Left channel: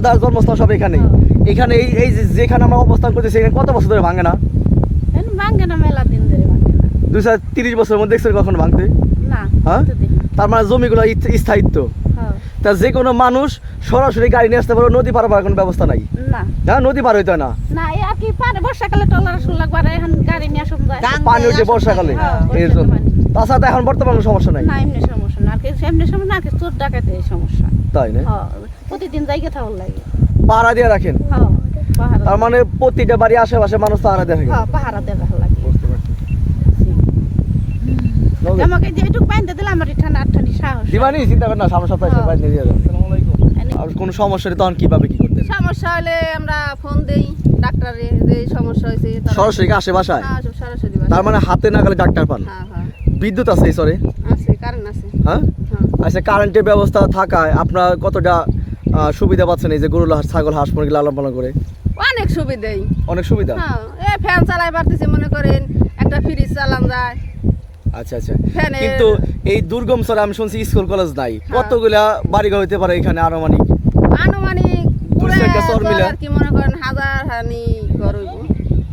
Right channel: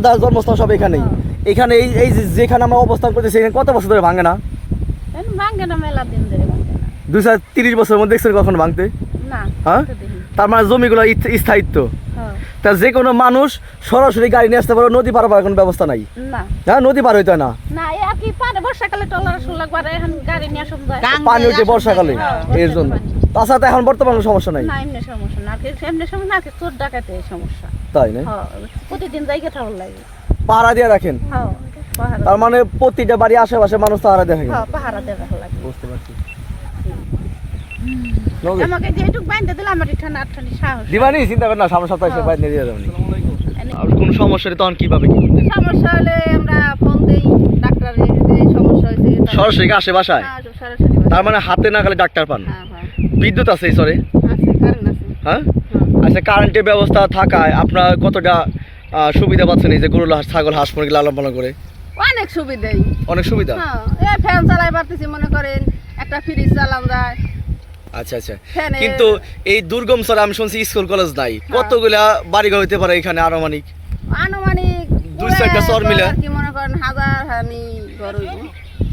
দাদার জন্মস্থান সব এখানে। এখানে এই এই যে- যেখানে আমরা অবস্থান করতেছি এখানে কত বছর ধরে ভাঙে না? ভাঙ্গে না মেলা দিন ধরে ভাঙ্গে না। দুই হাজার তিরিশ বছরের মধ্যে দেখছেন কখন ভাঙতে? হ্যাঁ? তার মানে জমিগুলো স্থায়িত্ব। হ্যাঁ। তা যে কোনো মানুষ সরাসরি গাড়ি নিয়ে আসতে পারে নদী পার হওয়ার কোনো ব্যবস্থা নাই? না। হ্যাঁ নদী পার হইতে না? না আর কি পারে বর্ষাকালে টলার আসল এখন গাড়ি নিয়ে আসুন পানি উঠে বর্ষাকালে? হ্যাঁ, এর জন্য। তাছাড়া এখন বর্তমানে সমস্যা নাই। না এমনি সমস্যা না এমনি সমস্যা না আর চোর ডাকাতে সমস্যা। তাই না? হ্যাঁ প্রতিদিন জায়গা থাকার লাগে। পাহারা দিয়ে রাখেন? হ্যাঁ তার মানে প্রতিটা বাড়ি আশেপাশে মানুষ পাহারা দিয়ে থাকে? হ্যাঁ পাহারা দিয়ে রাখা লাগে। বুঝতে পারছি। নবী, আমাকে বাইন্দা দিলে আমার সাহস দিবানি চিন্তা করেন না সামনে সপ্তাহে। বাইরে দিয়ে যাবেন। আর কোনো সমস্যা নেই তখন কীভাবে কি করতে? সমস্যা হলে আমরা ফোন দেই ডাক্তারে যে এই সমস্যা হয়েছে সরাসরি আসে বাসায়। তার মানে হাতে না গেলে ডাক্তার পান? বিদ্যুৎ আছে এই সরে আছে কারেন্ট আছে। হ্যাঁ। আচ্ছা কারেন্টের ব্যবস্থা থাকায় আপনার কতটা সুবিধা পাচ্ছেন এই যে গরু ছাগল হাঁস মুরগি লালন পালন করে? অনেক সুবিধাই। অনেক সুবিধা? হ্যাঁ এই ফ্যান চালাই পারতেছি মনে করেন একটা ফ্রিজ চালান যায়। আচ্ছা আচ্ছা। কিন্তু এই দুর্গম সরে আমি শুনছি স্কুল কলেজ নাই। হ্যাঁ। কতগুলা বাড়িঘর হইতে পারে এখানে আনুমানিক? আনুমানিক দুই চারটা চর মিলে? কি মনে করেন হাজার হানি ঘর হইব।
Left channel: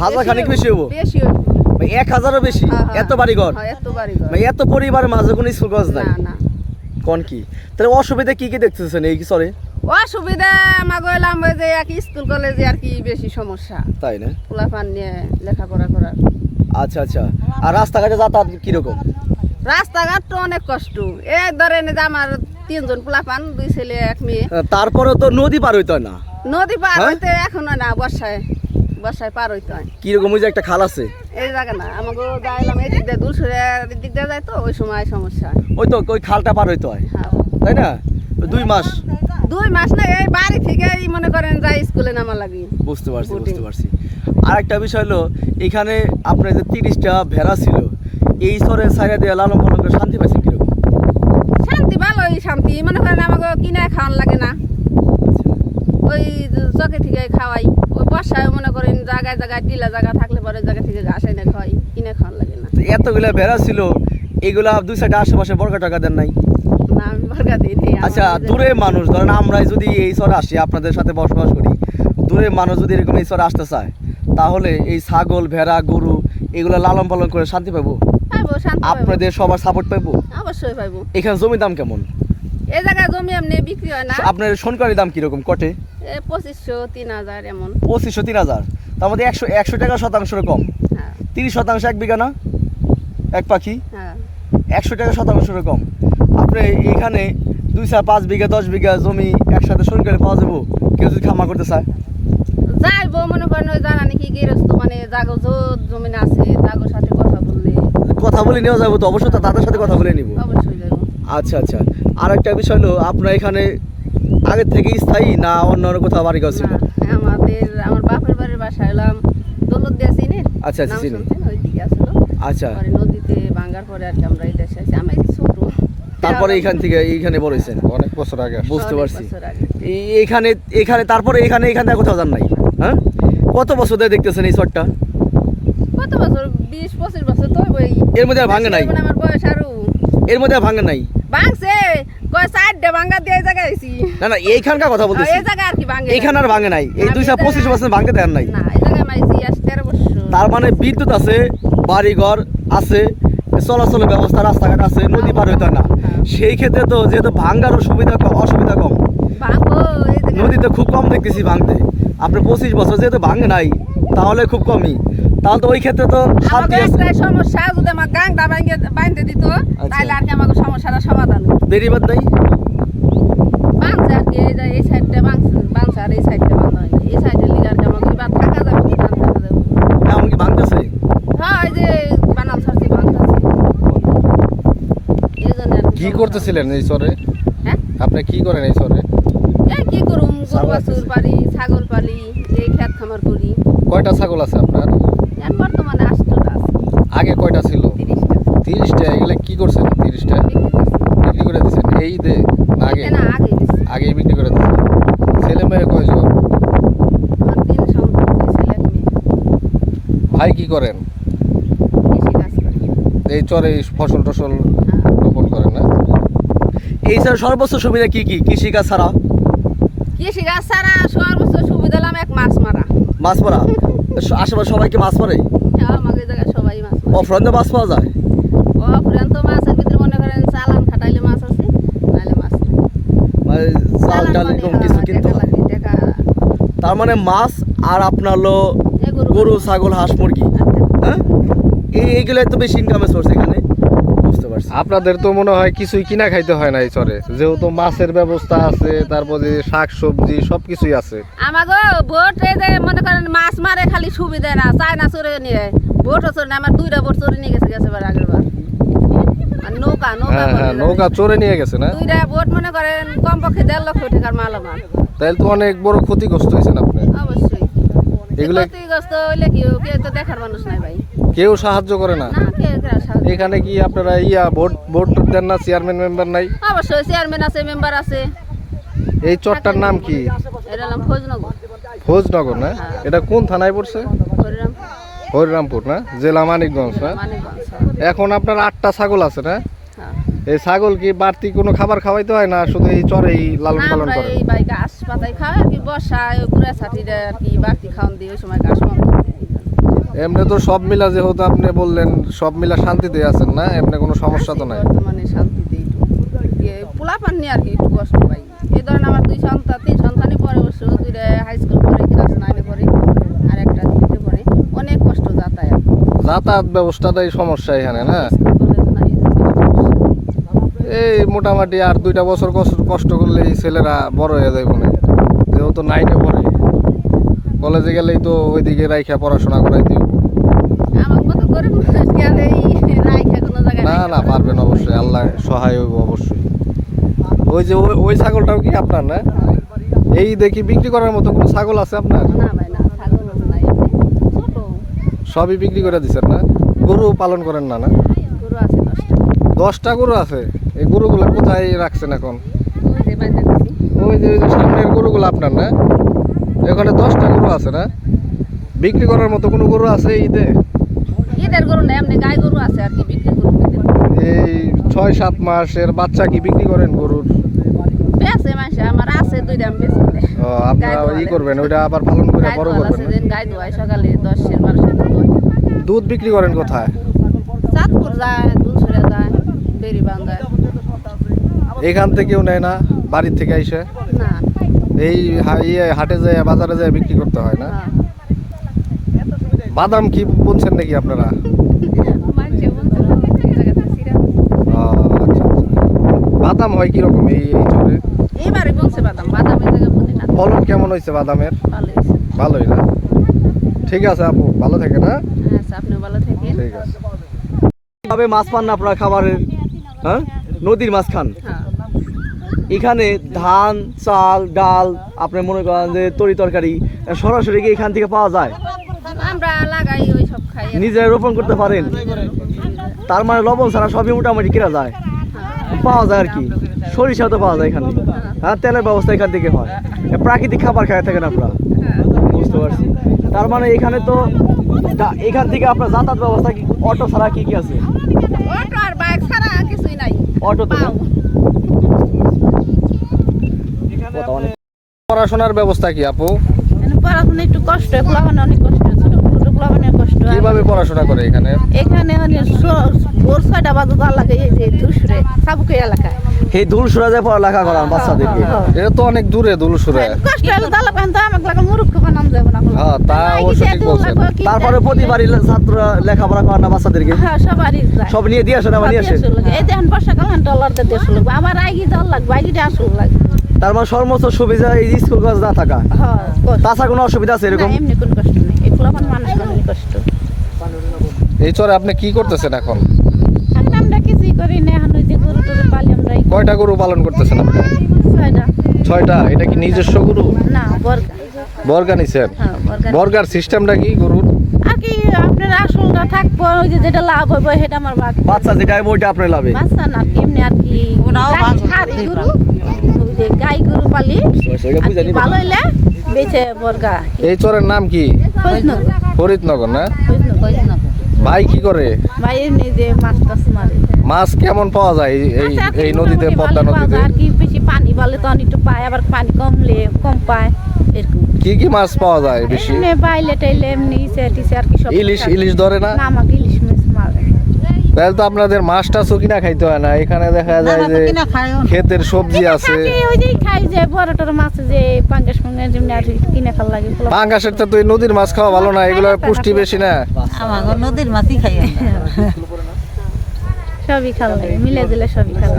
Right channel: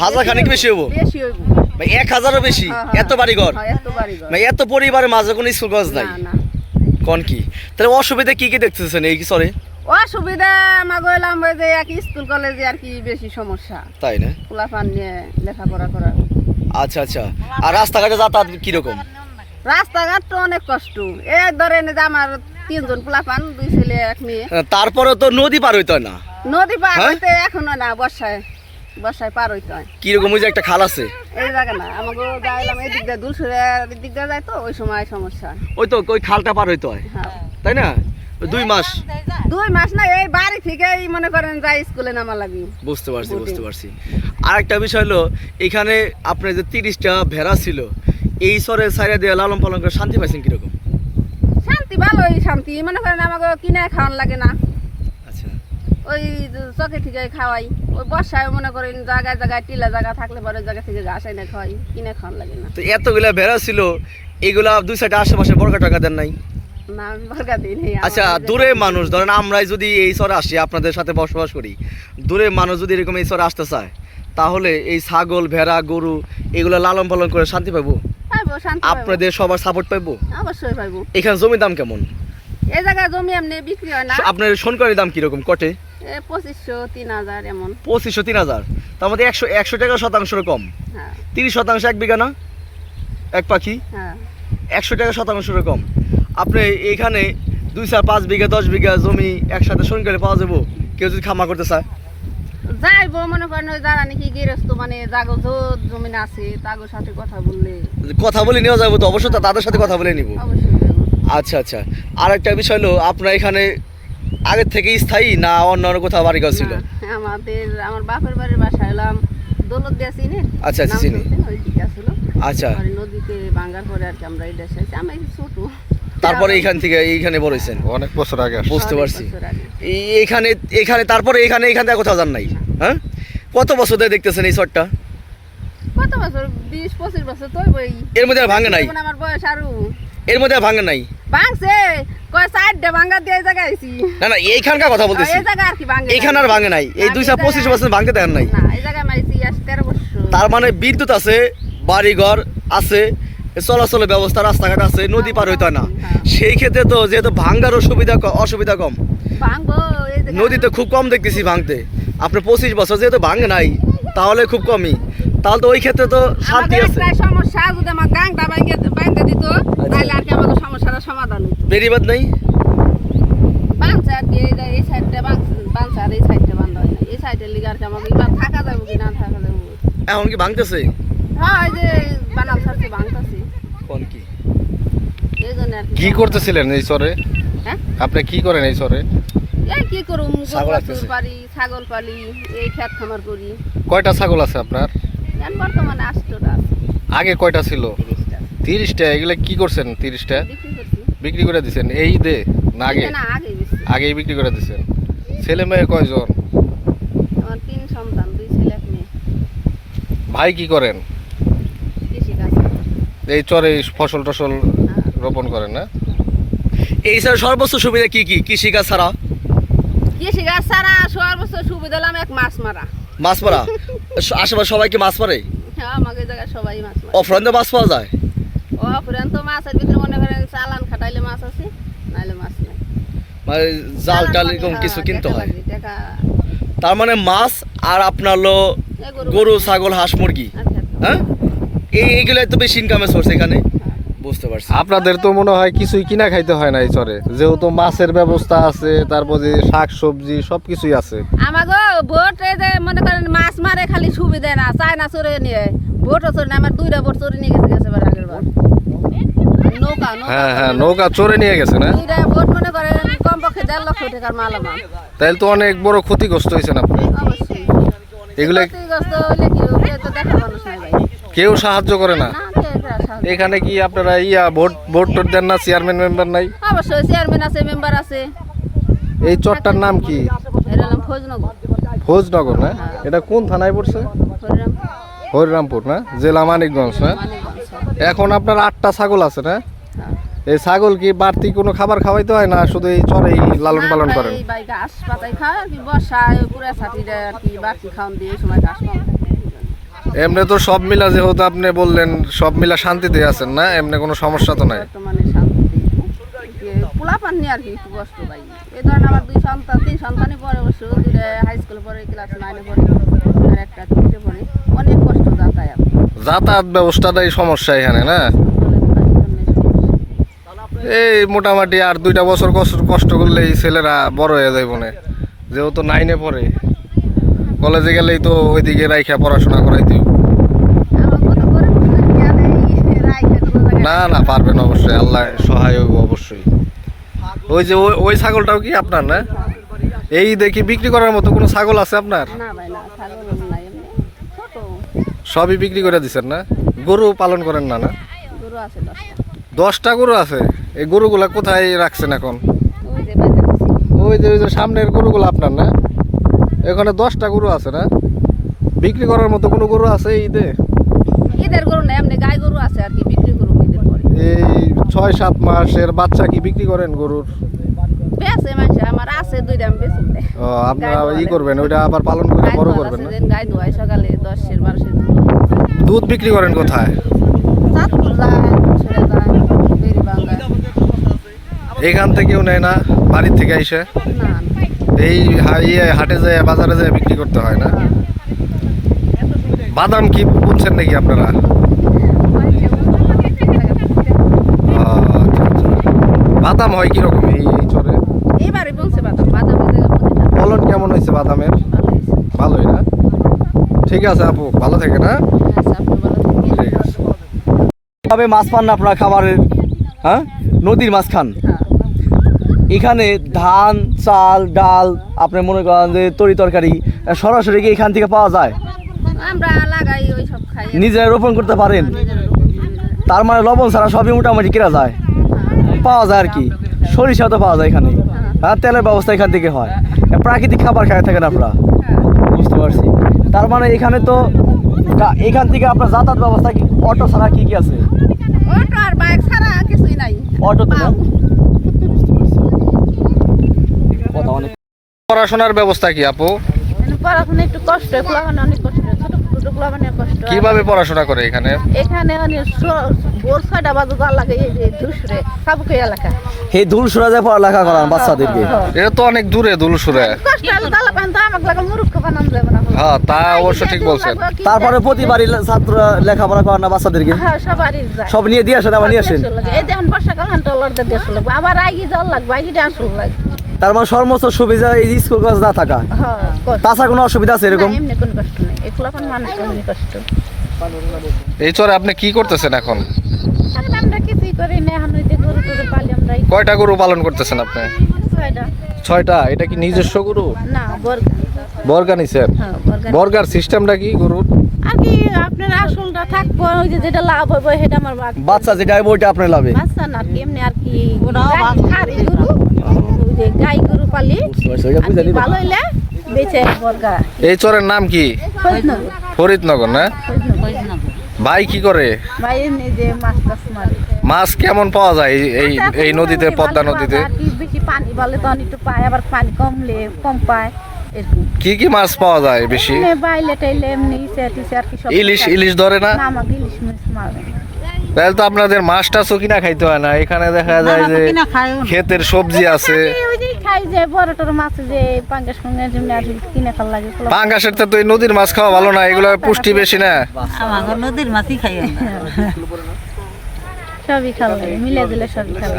হাজার খানিক বেশি হব বেশি হইব। মানে এক হাজারও বেশি? হ্যাঁ, হ্যাঁ। এত বাড়িঘর? হ্যাঁ, এত বাড়ি ঘর এত পরিবারের মাঝে কোনো স্কুল কলেজ নাই। না। কোন কি? তাহলে অসুবিধা কি কি দেখতেছেন? এই সরে অসুবিধা আমার গেলাম ওই যে এক স্কুল কলেজে আর কি বেশি সমস্যা। তাই না? পোলাপান নিয়ে লেখাপড়া করা আচ্ছা আচ্ছা। আর রাস্তাঘাটে যাতায়াত কীরকম রাস্তাঘাট তো অনেক কষ্ট। এই ধরেন যে আমার তিনজন পোলাপান দুই ছেলে এক মেয়ে। তারপরে তো নদী পার হইতে হয় না। নদী পার হ্যাঁ? হইতে এখনও না বর্ষায়। বর্ষায় পার হইতে হয়। কীরকম ওই যে একটা খাল আছে? এই জায়গা না আমাকে যাইলাম এই দিক দিয়ে দূর সরে দিক যায় তো ওই সময় সমস্যা ওই তো ওই খালটা পার হইতে হয়। হ্যাঁ। তাই না? দুই মাস। দুই মাস না এই বাড়ি থেকে এই মনে করেন যাই স্কুলে নামা লাগি। বুঝতে পারছি বুঝতে পারছি। আর একটা বিষয় হলো এখানে আপনার যে তিরিশটা ভেড়া ছিল এই সরে সাইডে দিয়ে লালন পালন করে শান্তি পাইছেন কীরকম? শান্তি ভালোই শান্তি মনে করেন আমাকে কিনে খাওয়ান লাগে না। আচ্ছা। ওই চকে থেকে খাওয়াই। ওই বর্ষায় মনে করেন জায়গায় জায়গায় টিলা জায়গা থাকলে পরে জায়গা থেকে ঘাস এনে খাওয়াই কিনে খাওয়ান লাগে না। তো এতগুলা ভেড়া ছিল এগুলা দুই সাইডে আশেপাশে বড় টাকা দেন নাই? বর্গা আচ্ছা দূরে মানুষ ধরেন আমরাই যদি এই সরে আসি আপনাদের সাথে বসবাস করি দূরে মানুষ যদি এরকম এই সরে আসতে চায় তাহলে এই ছাগল ভেড়া গরু এগুলো লালন পালন করে শান্তি পাবো আপনাদের সবার সাপোর্ট পাবো অবশ্যই এখানে জমির দাম কেমন? এই জায়গায় জমি এমনি বিক্রি হয় না। আপনার সোনকারির দাম কীরকম কটে? পঁচিশশো তিন হাজার এমন। পঁচিশশো তিন হাজার। তার মধ্যে একশো একশো টাকা শতাংশের কম। হ্যাঁ। তিরিশ শতাংশ এক বিঘা না? এক পাখি? হ্যাঁ। একশো টাকা শতাংশের কম। আপনি এখানে দুই চার পাঁচ বিঘা দশ বিঘা জমি একসাথে সোনকারি পাওয়া যাব? কেউ যদি খামার করতে চায়? যাইবো মনে করেন ওই যারা নাকি গৃহস্থ মানে জাগো জোর জমিন আছে জাগোর সাথে কথা বললে। কথা বলে নেওয়া যাবে তো অবশ্যই তাদের সাথে কথা বলে নিব। আচ্ছা আচ্ছা। আর একটা বিষয় হলো আপনার এখানে আগের থেকে স্থায়ী না অন্য অন্য কোথাও বাড়ি ঘর ছিল? আমাদের আমার বাপের বাড়ির বাসায় এলাম দৌলত দিয়া চিনি। আচ্ছা, আচ্ছা, চিনি। আচ্ছা। নদীতে ভাঙ্গার পরে আর কি আমরা এটা এসেছি আমি ছোট। তারপরে এইখান থেকে এইখানে বড় হয়েছেন? অনেক বছর আগে বুঝতে পারছি। আগে। এইখানে এখানে তারপরে এখানে এখান থেকে কোথাও যান নাই? হ্যাঁ? কত বছর ধরে দেখতেছেন এই শটটা কত বছর? বিশ পঁচিশ বছর তো এর মধ্যে আর ভাঙে নাই? আমার বয়স আরও। এর মধ্যে ভাঙে নাই? ভাঙছে। না না এইখানকার কথা বলতেছি। এইখানে আর ভাঙে নাই। এই দুইশো পঁচিশ ভাঙতে দেন নাই। আজ তেরো মানে বিদ্যুৎ আছে বাড়িঘর আছে চলাচলের ব্যবস্থা রাস্তাঘাট আছে নদী পার হইতে না। সেই ক্ষেত্রে তো যেহেতু ভাঙ্গারও সুবিধা অসুবিধা কম। নদীতে খুব কম দেখতেছি ভাঙতে। আপনার পঁচিশ বছর যেহেতু ভাঙে নাই তাহলে খুব কমই। তাহলে তো ওই ক্ষেত্রে তো শান্তি আমাদের আছে। সমস্যা যদি আমার গাংটা বাইন্দে বাইন্দে দিত তাহলে আর কি আমাকে সমস্যাটা সমাধান। বেরিবাদ নাই? বাংছে আর কি এই সাইডটা বাংছে আর এই সাইডটা বাংলা এই সাইডের লিগে আর কি আমাকে এবার থাকা যাবে কি থাকা যাবে? এমন কি ভাঙতেছে হ্যাঁ এই যে বানাল জন্য আর কি করতেছিলেন এই চরে? হ্যাঁ? আপনি কি করেন এই এই কি করুম ছাগল পালি ছাগল পালি এই খেত খামার করি। কয়টা ছাগল আছে আপনার? এখন বর্তমানে আষ্টটা আছে। আগে কয়টা ছিল? তিরিশটা? এগুলো কি করছেন তিরিশটা? বিক্রি করে দিচ্ছেন এই দে না আগে? না আগে আগেই বিক্রি করে দিচ্ছেন ছেলে মেয়ে কয়জন? ভাই কি করেন? এই চরে ফসল টসল রোপণ করেন না? এই স্যার সর্বোচ্চ সুবিধা কি কি? কৃষিকাজ ছাড়া? কৃষি গাছ ছাড়া সর্বোচ্চ সুবিধা হলাম এক মাছ মারা। মাছ মারা? আশেপাশে সবাই কি মাছ মারে? হ্যাঁ জায়গায় সবাই মাছ মারে। অফরন্দে মাছ পাওয়া যায়? তো মাছের ভিতরে মনে করেন চালান খাটাইলে মাছ আছে মাছ মানে জাল টাল এরকম হ্যাঁ, কিছু কিনতে হয়? তার মানে মাছ আর আপনার হলো গরু- ছাগল হাঁস মুরগি? হ্যাঁ? এই এইগুলো তো বেশি ইনকামের সোর্স এখানে। পারছি। আপনাদের তো মনে হয় কিছুই কিনা খাইতে হয় না এই চরে। যেহেতু মাছের ব্যবস্থা আছে তারপরে শাক সবজি সব কিছুই আছে। আমাগো বোট এই যে মনে করেন মাছ মারে খালি সুবিধা না চায় না চড়ে নিয়ে। চড়ে না আমার দুইটা বোট চড়ে নিয়ে গেছে গেছে আগের বার। আর নৌকা নৌকা হ্যাঁ হ্যাঁ নৌকা চরে নিয়ে গেছে না? দুইটা বোট মনে করেন কমপক্ষে দেড় লক্ষ টাকার মাল আমার। তো অনেক বড় ক্ষতিগ্রস্ত হয়েছেন আপনি। অবশ্যই। এগুলো ক্ষতিগ্রস্ত হইলে কি কেউ তো দেখার মানুষ নাই ভাই। কেউ সাহায্য করে না? এখানে কি আপনারা ইয়া ভোট ভোট টোট দেন না? চেয়ারম্যান মেম্বার নাই? অবশ্যই চেয়ারম্যান আছে মেম্বার আছে। এই চরটার নাম কি? ফৌজনগর। ফৌজনগর না? এটা কোন থানায় পড়ছে? হরিরাম হরিরামপুর না? জেলা মানিকগঞ্জ না? এখন আপনার আটটা ছাগল আছে না? হ্যাঁ। এই ছাগল কি বাড়তি কোনো খাবার খাওয়াইতে হয় না শুধু এই চরেই লালন পালন করেন? ঘাস পাতাই খাওয়া কি বর্ষায় গুড়া ছাতি দেয় কি বাকি খাওয়ান দিয়ে সময় ঘাস এমনি তো সব মিলা যেহেতু আপনি বললেন সব মিলা শান্তিতে আছেন না? এমনি কোনো সমস্যা তো নাই? শান্তিতে পোলা আর কি একটু কষ্ট পাই। এই ধরেন আমার দুই সন্তান তিন সন্তানই পরে অবশ্য। দুইটা হাই স্কুল পড়ে ক্লাস নাইনে পড়ে আর একটা পড়ে। অনেক কষ্ট যাতায়াত। যাতায়াত ব্যবস্থাটাই সমস্যা এখানে না? এই মোটামুটি আর দুইটা বছর কষ্ট কষ্ট করলেই ছেলেরা বড় হয়ে যায় মনে যেহেতু নাইনে পড়ে। কলেজে গেলেই তো ওইদিকে রাইখা পড়াশোনা করাইতে না না পারবেন অবশ্যই আল্লাহ সহায় হইব অবশ্যই। ওই যে ওই ছাগলটাও কি আপনার না? এই দেখি বিক্রি করার মতো কোনো ছাগল আছে আপনার? সবই বিক্রি করে দিচ্ছেন না? গরু পালন করেন না না? দশটা। গরু আছে? এই গরুগুলা কোথায় রাখছেন এখন? ওই যে ওই যে সামনের গরুগুলো আপনার না? এখানে দশটা গরু আছে না? বিক্রি করার মতো কোনো গরু আছে ঈদে? ঈদের গরু না এমনি গাই গরু আছে আর কি বিক্রি ঈদের। এই ছয় সাত মাসের বাচ্চা কি বিক্রি করেন গরুর? বেছে মাসে আমার আছে দুইটা আমি বেছে ও, আপনারা ই করবেন ওইটা আবার পালন করে গাই বড় দোয়াল করবেন না? গাই দোয়াই সকালে দুধ। দুধ বিক্রি করেন কোথায়? চাঁদপুর যায় এখান থেকেও নেয় না বাড়ির থেকে এসে না। এই ইয়ে হাটে যায় বাজারে যায় বিক্রি করতে হয় না? বাদাম কি বুনছেন নাকি আপনারা? আচ্ছা আচ্ছা। বাদাম হয় কীরকম এই এই চরে? এইবারে বলছে বাদাম ফলন কেমন হয়েছে বাদামের? ভালোই না? ঠিক আছে আপু ভালো থাকে না আপনি ভালো থাকেন। ঠিক আছে। মাছ পান না আপনারা খামারের হ্যাঁ? নদীর মাছ খান? হ্যাঁ। এখানে ধান চাল ডাল আপনি মনে করেন যে তরি তরকারি সরাসরি কি এখান থেকে পাওয়া যায়? আমরা লাগাই ওই সব খাই। নিজেরা রোপণ করতে পারেন? না। তার মানে লবণ ছাড়া সবই মোটামুটি কেনা যায়? হ্যাঁ। পাওয়া যায় আর কি। সরিষা তো পাওয়া যায় এখানে। আর তেলের ব্যবস্থা এখান থেকে হয়। প্রাকৃতিক খাবার খাই থাকেন আপনারা। হ্যাঁ। বুঝতে পারছি। তার মানে এখানে তো এখান থেকে আপনার যাতায়াত ব্যবস্থা কি অটো ছাড়া কি কি আছে? অটো আর বাইক ছাড়া কিছুই নাই। অটো পাও। পড়াশোনার ব্যবস্থা কি আপু? পড়াশোনা একটু কষ্ট পোলাপানে অনেক কষ্ট। পোলাপানের কষ্ট কীভাবে পড়াশোনা করে এখানে? এখানে স- ভোর ছয়টা বাজে যাওয়া লাগে এই যে দুসরে সাবুকে এলাকা। এই দূর সুরা যায় পড়ালেখা করান বাচ্চাদেরকে। হ্যাঁ, হ্যাঁ। এটা তো অনেক দূরে কষ্ট হলে দালা পান তো আমাকে লাগে মুরুক্ষ বানাম যাবে না। হ্যাঁ তা অবশ্য ঠিক বলছেন। তারপরে প্রতিবারই ছাত্র লেখাপড়া করান না বাচ্চাদেরকে? হ্যাঁ সবারই সব নিয়ে দিয়ে আসেন আবার নিয়ে আসেন। এই বর্ষাকাল দেড়শো লাগবে। আবার আগে জল লাগবে আগে আসল লাগবে। তার মানে সর্বোচ্চ সুবিধা এই স্কুল কলেজ না থাকা। হ্যাঁ তাছাড়া কোনো অসুবিধা আছে এরকম? এমনি কষ্ট এই চরে আপনি কি করতেছেন এখন? কয়টা গরু পালন করতেছেন আপনি? ছয়টা। ছয়টা? এটা কি নিজস্ব গরু? না বর্গা। বর্গা নিছেন? হ্যাঁ বর্গার সিস্টেমটা কি গরুর? আর কি আপনার আসলটা থাকব ওই যে যেটা লাভ হবে সেটা আমার বাকি বাচ্চা যেটা হবে ওইটা আপনার লাভে। বাচ্চা না কি আর কি? গরু। যে গাই গরু পালি আর ভালো হইলে বেচে বর্গা। এই চরের নাম কি? ফরিদনগর। না? ভাই কি করে? ভাই যে মাছ টাছ মারে। মাছ কেমন পাওয়া যায় এই- এই নদীতে পদ্মা নদীতে? বেশি পানি বলে তখন একটু পায় আবার পানি কমলে কম পায় কি কি মাছ পাওয়া যায় বেশি? বাইলে টাইলে এমনি ইলিশ ইলিশ ধরে না না আমাকে ইলিশ মাছ মারে তাহলে তো আপনাদের মাছ টাছও কিনা খাইতে হয় না। এখানে দেখা যায় যে ক্ষেতের সবজি আছে। পাঙ্গাসের তো এই নদীর মাছ খাওয়া ভালো না এগুলো পুষ্টি বেশি না। নদীর মাছই খাই সবই খাওয়া মিলে দিলে সবই খাওয়া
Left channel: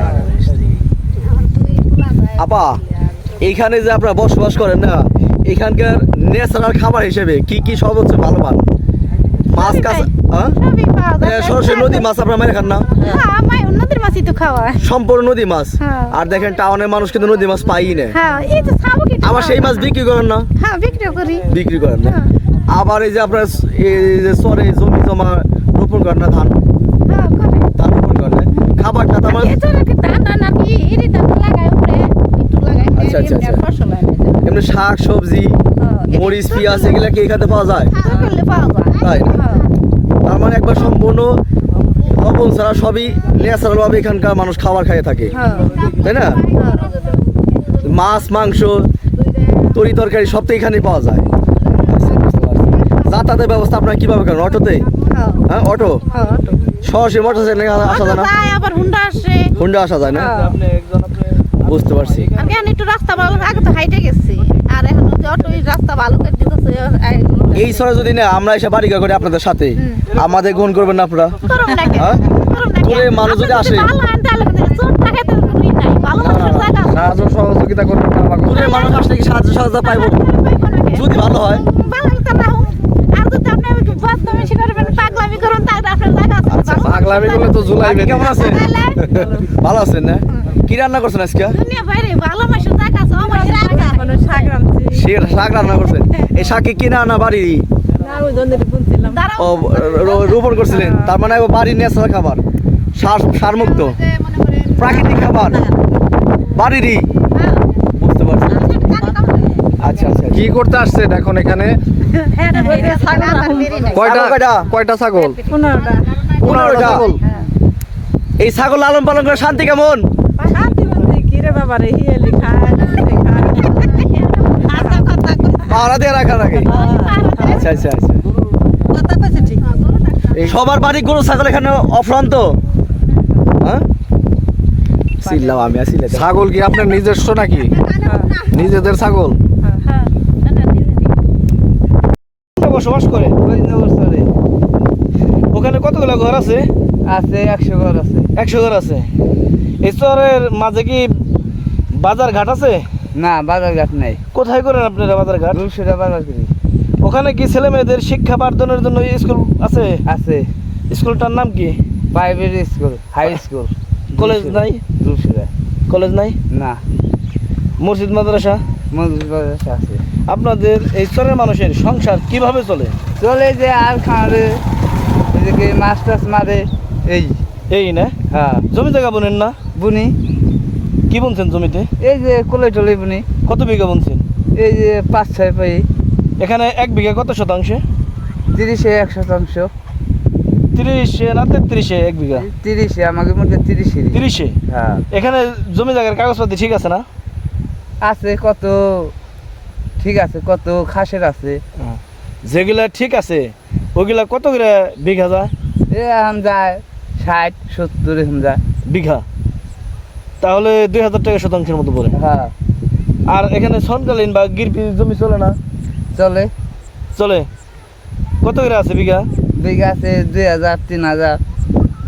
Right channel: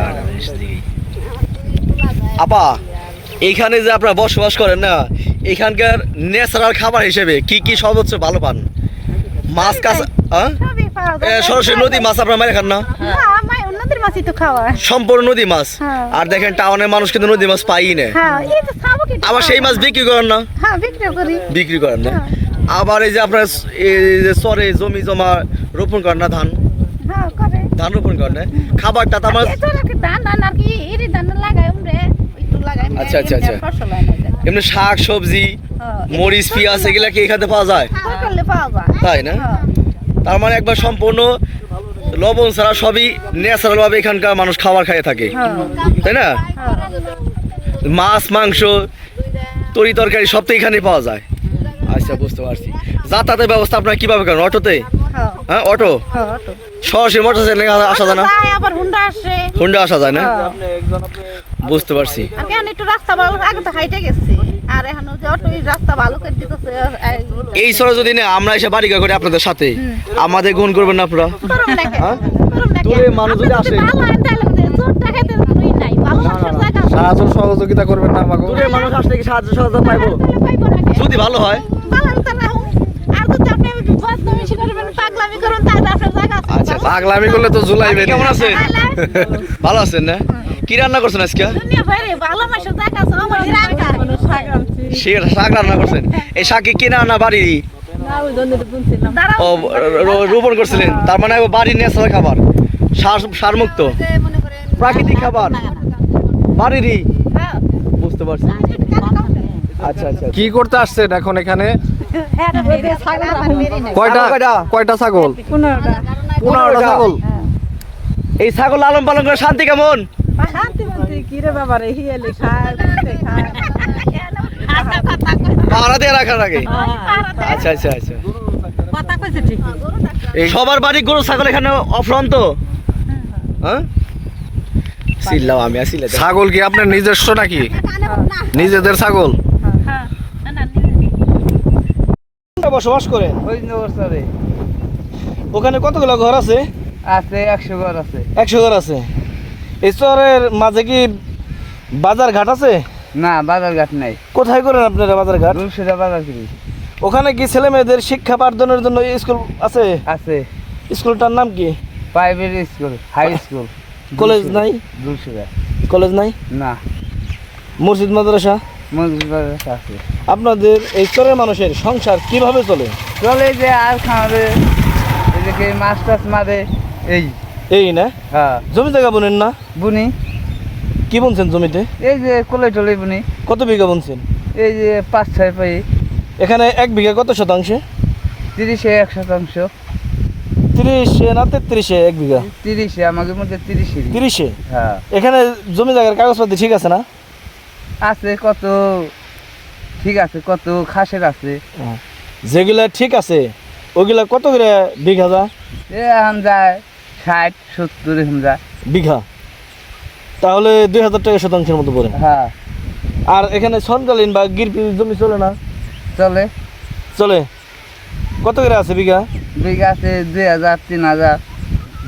আপা এইখানে যে আপনারা বসবাস করেন না এখানকার ন্যাচারাল খাবার হিসেবে কি কি সর্বোচ্চ ভালো পান? মাছ কাঁচা হ্যাঁ? সরাসরি নদী মাছ আপনারা মেরে খান না? হ্যাঁ সম্পূর্ণ নদী মাছ? হ্যাঁ। আর দেখেন টাউনের মানুষ কিন্তু নদী মাছ পাই না। আবার সেই মাছ বিক্রি করেন না? বিক্রি করেন না। আবার এই যে আপনার এই যে চরে জমি জমা রোপণ করেন না ধান? ধান রোপণ করেন না? খাবারটা তো আমার আচ্ছা, আচ্ছা, এমনি আচ্ছা। না। এমনি শাক সবজি মরিচ পেঁয়াজ এগুলা কি এখানে পাওয়া যায়? পাওয়া যায়। তাই না? তার মানে একবার সম্পূর্ণ লবণ ছাড়া সবই ন্যাচারাল ভাবে এখানকার মানুষ খাবার খেয়ে থাকে। হ্যাঁ, তাই না। মাছ মাংস তরি তরকারি সব তো এখানেই পাওয়া যায়। আচ্ছা বুঝতে পারছি। যাতায়াতের ব্যবস্থা আপনারা কীভাবে করেন? অটোতে? হ্যাঁ, হ্যাঁ অটো? হ্যাঁ, সরাসরি মোটর সাইকেলে আসা যায় না? হুন্ডা আসা। যায় না। বুঝতে পারছি। আর একটু রাস্তা আগে তো হাইটে গেছি। এই রাস্তা ভালো করে দিতেছে এই সরে যদি না আমরা এসে বাড়ি করে আপনাদের সাথে। আমাদের গুণ করবেন না আপনারা। মানুষ যদি আসে। সাহায্য সহযোগিতা করবেন না মানুষ আসলে কি সাহায্য সহযোগিতা পাইবো? যদি ভালো হয়। পাগলামি। আচ্ছা করলে তো জুলাইবে কেমন আছেন? ভালো আছেন না? কি রান্না করছেন আজকে? শাক রান্না করছেন এই শাকে কিনা আনা বাড়ি। ও রোপণ করছিলেন। তার মানে বাড়ির ন্যাচারাল খাবার। সার সার মুক্ত প্রাকৃতিক খাবার। বাড়িরই। বুঝতে পারছি। আচ্ছা আচ্ছা কি করতে আসছেন এখন এখানে। কয়টা? ছাগল কয়টা? কয়টা? ছাগল? পনেরোটা। পনেরোটা ছাগল? এই ছাগল লালন পালন করে শান্তি কেমন? শান্তি কি রে বাবা খায়। পাহারা দিয়ে রাখার আগে। আচ্ছা আচ্ছা আচ্ছা। কইছে ঠিক। এই সবার বাড়ি গরু ছাগল এখানে অফ্রান্ত হ্যাঁ? চিল্লাও আমি আসিলে ছাগল কি আপনার নিজস্ব নাকি? নিজেদের ছাগল? বসবাস করে? ওখানে কতগুলো ঘর আছে? আছে একশো ঘর আছে। একশো ঘর আছে। এই শহরের মাঝে কি বাজার ঘাট আছে? না বাজার ঘাট নাই। কোথায় করেন আপনারা বাজার ঘাট দুশোটা বাজার করি। ওখানে কি ছেলে মেয়েদের শিক্ষা পাঠদানের জন্য স্কুল আছে? আছে। স্কুলটার নাম কি? Private school high school college নাই? দুশোটা কলেজ নাই? না। মসজিদ মাদ্রাসা? মজুর বাজার আছে। আপনাদের এই স্তরের মানুষের সংসার কীভাবে চলে? চলে যে আর এদিকে মাছ টাছ মারে এই। এই না? হ্যাঁ। জমি জায়গা বুনেন না? বুনি। কি বুনছেন জমিতে? এই যে কোলে টলে বুনি। কত বিঘা বুনছেন? এই যে পাঁচ ছয় পাই। এখানে এক বিঘা কত শতাংশে? তিরিশে এক শতাংশ। তিরিশে না তেত্রিশে এক বিঘা? তিরিশে আমাদের মধ্যে তিরিশে তিরিশে? হ্যাঁ। এখানে জমি জায়গার কাগজপত্র ঠিক আছে না? আছে কত ঠিক আছে কত খাসের আছে। যেগুলা ঠিক আছে ওগুলা কত করে বিঘা যা এ এখন যায় ষাট সত্তর এখন যায়। বিঘা? তাহলে দুই হাজার টাকা শতাংশের মতো পড়ে হ্যাঁ। আর এখানে সনকালীন বা গিরপি জমি চলে না? চলে। চলে। কত করে আছে বিঘা? বিঘা আছে দুই হাজার তিন হাজার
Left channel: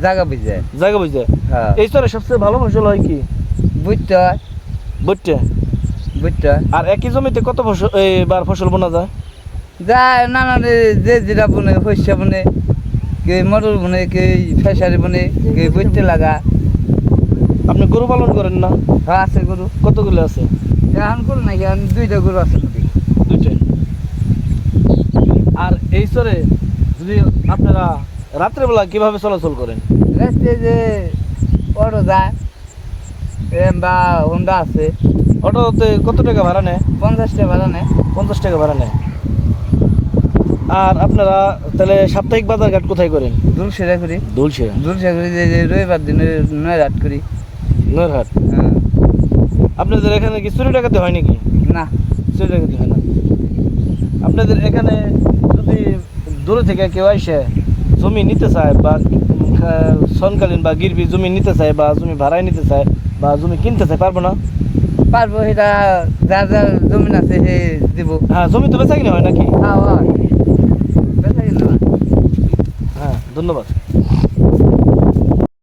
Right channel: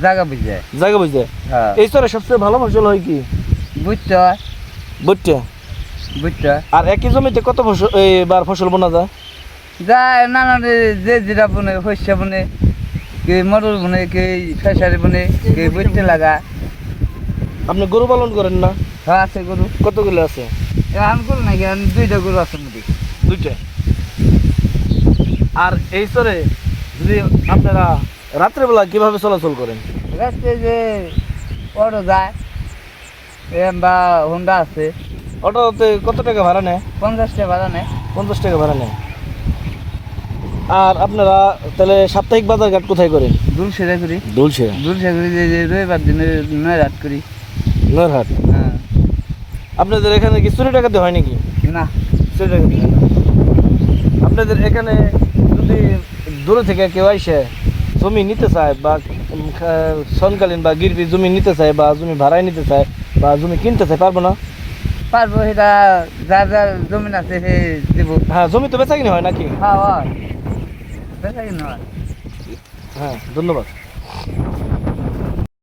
জায়গা বুঝে। জায়গা বুঝতে হ্যাঁ। এই স্তরে সবচেয়ে ভালো ফসল হয় কি? বুঝতে হয় বুঝতে বুঝতে আর একই জমিতে কত ফসল এবার ফসল বোনা যায়? যায় নানান যে যেটা বনে শস্য বনে কে মটর বনে কে ফেসারি বনে কে বুঝতে লাগা। আপনি গরু পালন করেন না? হ্যাঁ আছে গরু। কতগুলো আছে? এখন গরু নাকি এখন দুইটা গরু আছে দুইটা? আর এই স্তরে যদি আপনারা রাত্রেবেলা কীভাবে চলাচল করেন? রাস্তায় যে অটো যায় বা হোন্ডা আছে। অটোতে কত টাকা ভাড়া নেয়? পঞ্চাশ টাকা ভাড়া নেয়। পঞ্চাশ টাকা ভাড়া নেয়। আর আপনারা তাহলে সাপ্তাহিক বাজার ঘাট কোথায় করেন? দূর সেরা করি দুলছে দূর সেরা করি যে রবিবার দিনে নয় রাত করি। হ্যাঁ। আপনাদের এখানে কি চুরি ডাকাতি হয় নাকি? না। চুরি ডাকাতি হয় না। আপনাদের এখানে যদি দূরে থেকে কেউ আইসে জমি নিতে চায় বা সনকালীন বা গিরবি জমি নিতে চায় বা জমি ভাড়ায় নিতে চায় বা জমি কিনতে চায় পারব না? পারব সেটা যার যার জমি আছে সে দিব। হ্যাঁ জমি তো বেচা কিনে হয় নাকি? হ্যাঁ হয়। বেচা কিনা হয়। হ্যাঁ ধন্যবাদ।